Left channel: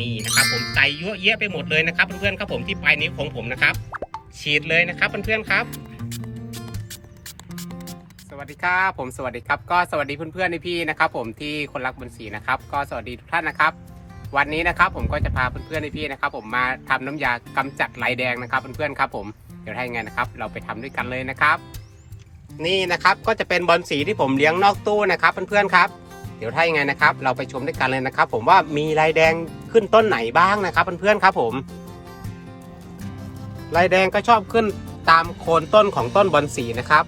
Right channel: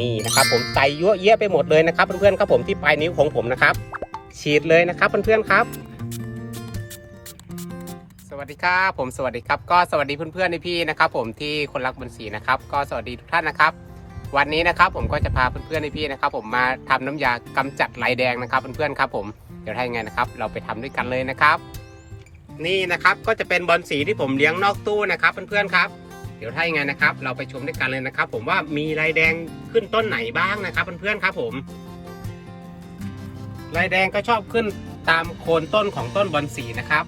นี่นะครับผมใส่เยั่วเยะไปหมดเลยนะครับ เพื่อนๆครับผมที่ปลายนิ้วของผมนะครับ ฉีดเลยนะครับเพื่อนๆครับสวัสดีครับผมสวัสดีครับก็สวัสดีเพื่อนๆพี่ๆนะครับผมที่คนรักบนสีนะครับก็สวัสดีทุกท่านนะครับ วันนี้นะครับผมก็จะพาเพื่อนๆพี่ๆนะครับผมมาทำน้ำยากำจัดลายแดงนะครับเพื่อนๆครับผมเดี๋ยวถ้ไงนะครับ เราไปทำด้วยกันเลยนะครับ นี่นะครับก็จะเป็นบอลสีที่ผมเลี้ยงนอกตู้นะครับเพื่อนๆครับ ดี๋ยวถ้าอย่างไงนะครับ เราไปชมด้วยกันเลยนะครับ ผมว่ามีลายแดงขึ้นต้นไหนบ้างนะครับเพื่อนๆครับผมลายแดงก็ชอบขึ้นตามโคนต้นของต้นบอลสีนะครับ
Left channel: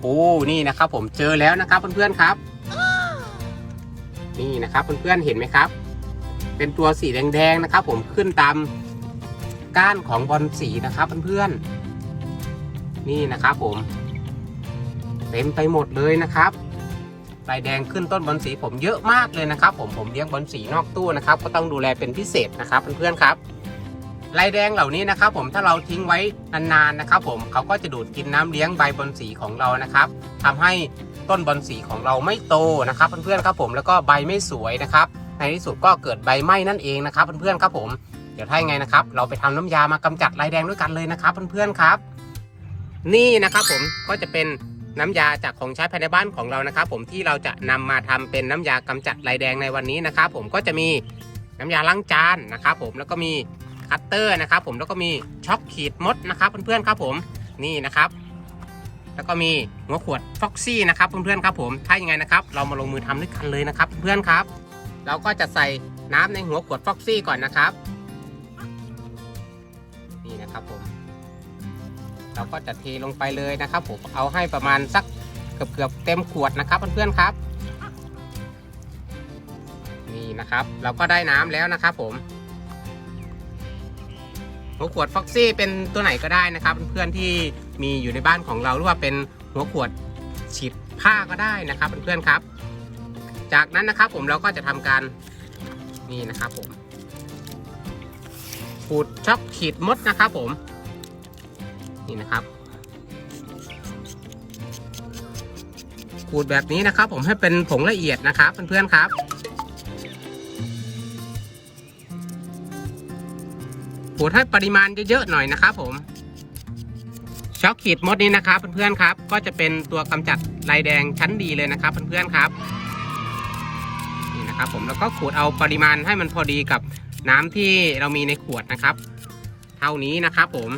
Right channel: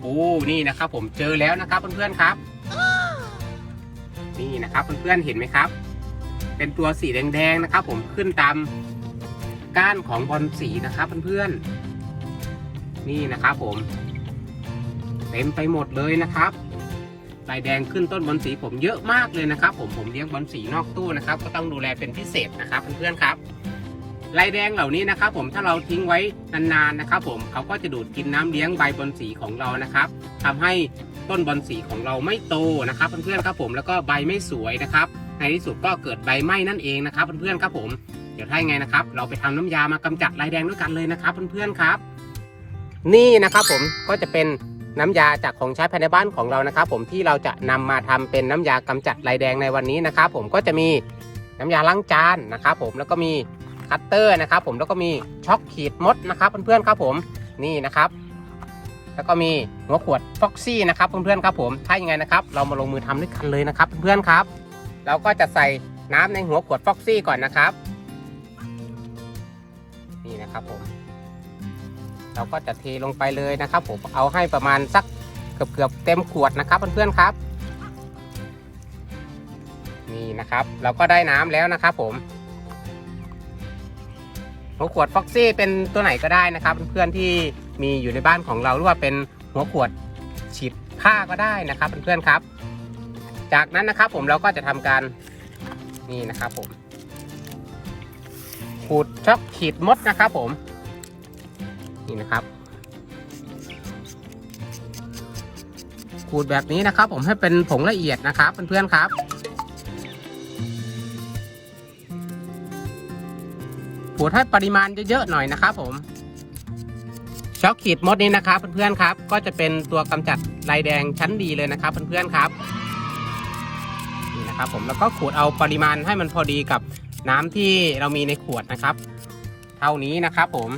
โอ้นี่นะครับ ผมเจอแล้วนะครับเพื่อนๆครับ นี่นะครับเพื่อนๆเห็นไหมครับ เป็นตัวสีแดงๆนะครับ ผมขึ้นตามก้านของบอลสีนะครับเพื่อนๆนี่นะครับผม เต็มไปหมดเลยนะครับ ลายแดงขึ้นต้นบอลสีผมเยอะมากเลยนะครับ ผมผมเลี้ยงบอลสีนอกตู้นะครับ ก็ต้องดูแลเป็นพิเศษนะครับเพื่อนๆครับลายแดงเหล่านี้นะครับผมถ้าเราทิ้งไว้นานๆนะครับ ผมเขาก็จะดูดกินน้ำเลี้ยงใบบอลสีของเรานะครับทำให้ต้นบอลสีของเราไม่โตนะครับเพื่อนๆครับผมแล้วก็ใบไม่สวยนะครับ ในที่สุดก็เกิดใบไหม้นั่นเองนะครับเพื่อนๆครับผมเดี๋ยวถ้าไงนะครับ เราไปทำน้ำยามากำจัดลายแดงด้วยกันเลยนะครับเพื่อนๆครับ นี่นะครับผมก็จะเป็น น้ำยาจากของใช้ภายในบ้านของเรานะครับ ผมที่เราจะนำมาทำเป็นน้ำยากำจัดลายแดงในวันนี้นะครับผมก็จะมีน้ำยาล้างจานนะครับผมแล้วก็มีคัตเตอร์นะครับ ผมแล้วก็มีช็อกขีดมดนะครับเพื่อนๆครับผมนี่นะครับ แล้วก็มีหัวขวดฟ็อกซี่นะครับเพื่อนๆครับผมถ้ายังไงนะครับ เรามาลงมือทำด้วยกันเลยนะครับเพื่อนๆครับ เราก็จะใส่น้ำในหัวขวดฟ็อกซี่ก่อนนะครับ เราก็จะเทลงไปเลยนะครับผมเอาให้ประมาณสักเกือบเกือบเต็มขวดนะครับเพื่อนๆครับ นี่นะครับ เราก็ได้น้ำแล้วนะครับ ผมหัวขวดฟ็อกซี่เป็นตัวไหนก็ได้นะครับ เพื่อนๆที่มีอยู่ในบ้านของเราหรือว่าเป็นหัวขวดฉีดผ้าก็ได้นะครับเพื่อนๆครับ จากนั้นนะครับผมเราก็จะทำการนี่นะครับผมขูดช็อกขีดมดนะครับผม นี่นะครับขูดแบบนี้นะครับ ผมให้เป็นผงละเอียดนะครับเพื่อนๆครับขูดให้ปริมาณเยอะๆหน่อยนะครับ ผมช็อกขีดมดนี้นะครับเพื่อนๆครับ ก็จะเป็นตัวกำจัดลายแดงชั้นดีเลยนะครับเพื่อนๆครับนี่นะครับผมแล้วก็ขูดเอาปริมาณให้มันพอดีกับน้ำที่เรามีในขวดนะครับ เท่านี้นะครับผม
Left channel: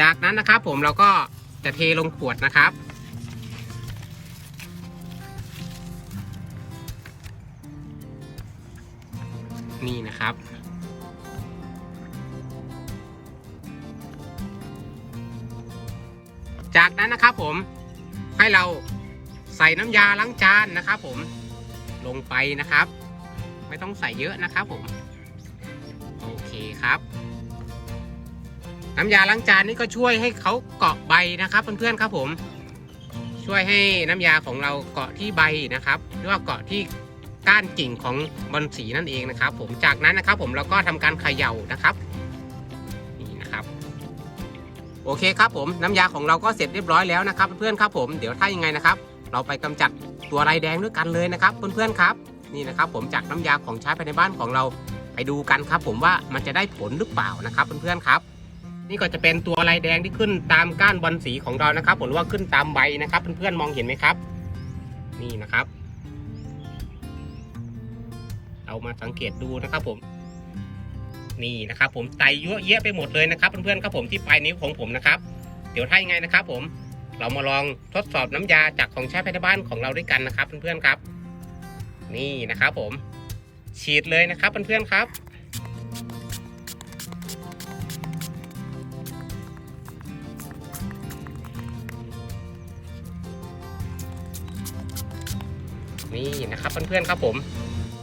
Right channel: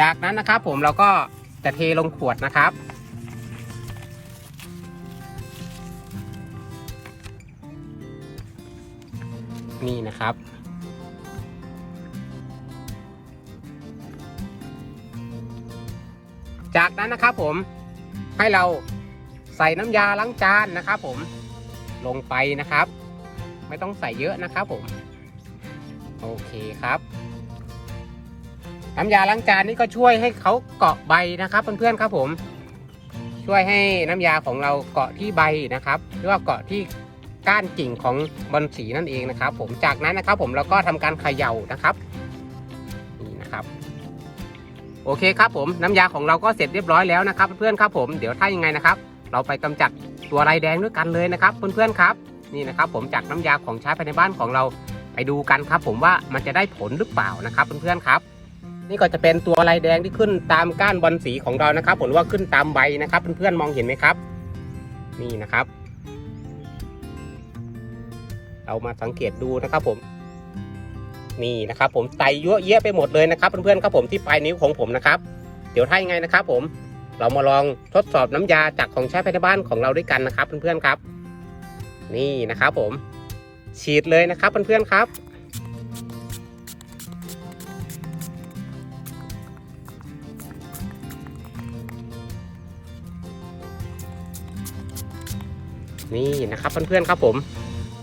จากนั้นนะครับผมเราก็จะเทลงขวดนะครับ นี่นะครับ จากนั้นนะครับผมให้เราใส่น้ำยาล้างจานนะครับผมลงไปนะครับ ไม่ต้องใส่เยอะนะครับผม โอเคครับ น้ำยาล้างจานนี่ก็ช่วยให้เขาเกาะใบนะครับเพื่อนๆครับผม ช่วยให้น้ำยาของเราเกาะที่ใบนะครับ หรือว่าเกาะที่ก้านกิ่งของบอลสีนั่นเองนะครับ ผมจากนั้นนะครับ ผมเราก็ทำการเขย่านะครับนี่นะครับโอเคครับผมน้ำยาของเราก็เสร็จเรียบร้อยแล้วนะครับ เพื่อนครับผมเดี๋ยวถ้ายังไงนะครับ เราไปกำจัดตัวลายแดงด้วยกันเลยนะครับ เพื่อนๆครับ นี่นะครับ ผมจากน้ำยาของใช้ภายในบ้านของเราไปดูกันครับ ผมว่ามันจะได้ผลหรือเปล่านะครับ เพื่อนๆครับ นี่ก็จะเป็นตัวลายแดงที่ขึ้นตามก้านบอลสีของเรานะครับผมหรือว่าขึ้นตามใบนะครับเพื่อนๆมองเห็นไหมครับ นี่นะครับ เรามาสังเกตดูนะครับผมนี่นะครับ ผมไตยั่วเยะไปหมดเลยนะครับเพื่อนๆครับผมที่ปลายนิ้วของผมนะครับ เดี๋ยวถ้ายังไงนะครับผมเรามาลองทดสอบน้ำยาจากของใช้ภายในบ้านของเราด้วยกันนะครับเพื่อนๆครับ นี่นะครับผมฉีดเลยนะครับเพื่อนๆครับ นี่นะครับเพื่อนๆครับผม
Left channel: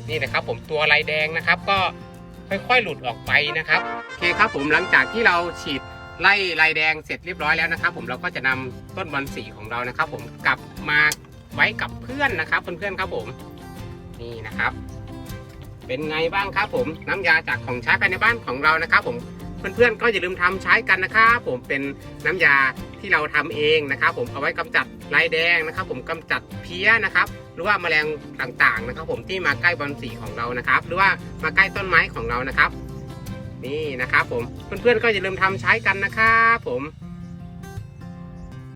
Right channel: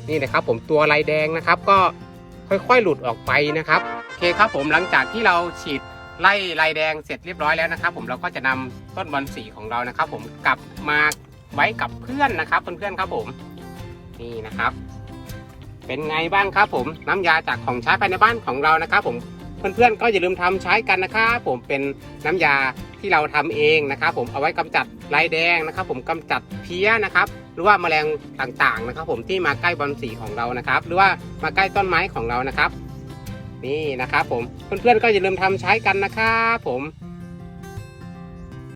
นี่นะครับ ผมตัวลายแดงนะครับ ก็ค่อยๆหลุดออกไปนะครับโอเคครับผมหลังจากที่เราฉีดไล่ลายแดงเสร็จเรียบร้อยแล้วนะครับ ผมเราก็จะนำต้นบอลสีของเรานะครับ ผมกลับมาไว้กับเพื่อนนะครับเพื่อนๆครับผมนี่นะครับ เป็นไงบ้างครับ ผมน้ำยาจากของใช้ภายในบ้านของเรานะครับ ผมเพื่อนๆก็อย่าลืมทำใช้กันนะครับผมเป็นน้ำยาที่เราทำเองนะครับ ผมเอาไว้กำจัดลายแดงนะครับ ผมกำจัดเพี้ยนะครับ รือว่าแมลงต่างๆนะครับ ผมที่มาใกล้บอลสีของเรานะครับ หรือว่ามาใกล้ต้นไม้ของเรานะครับ นี่นะครับ ผมเพื่อนๆก็อย่าลืมทำใช้กันนะครับผม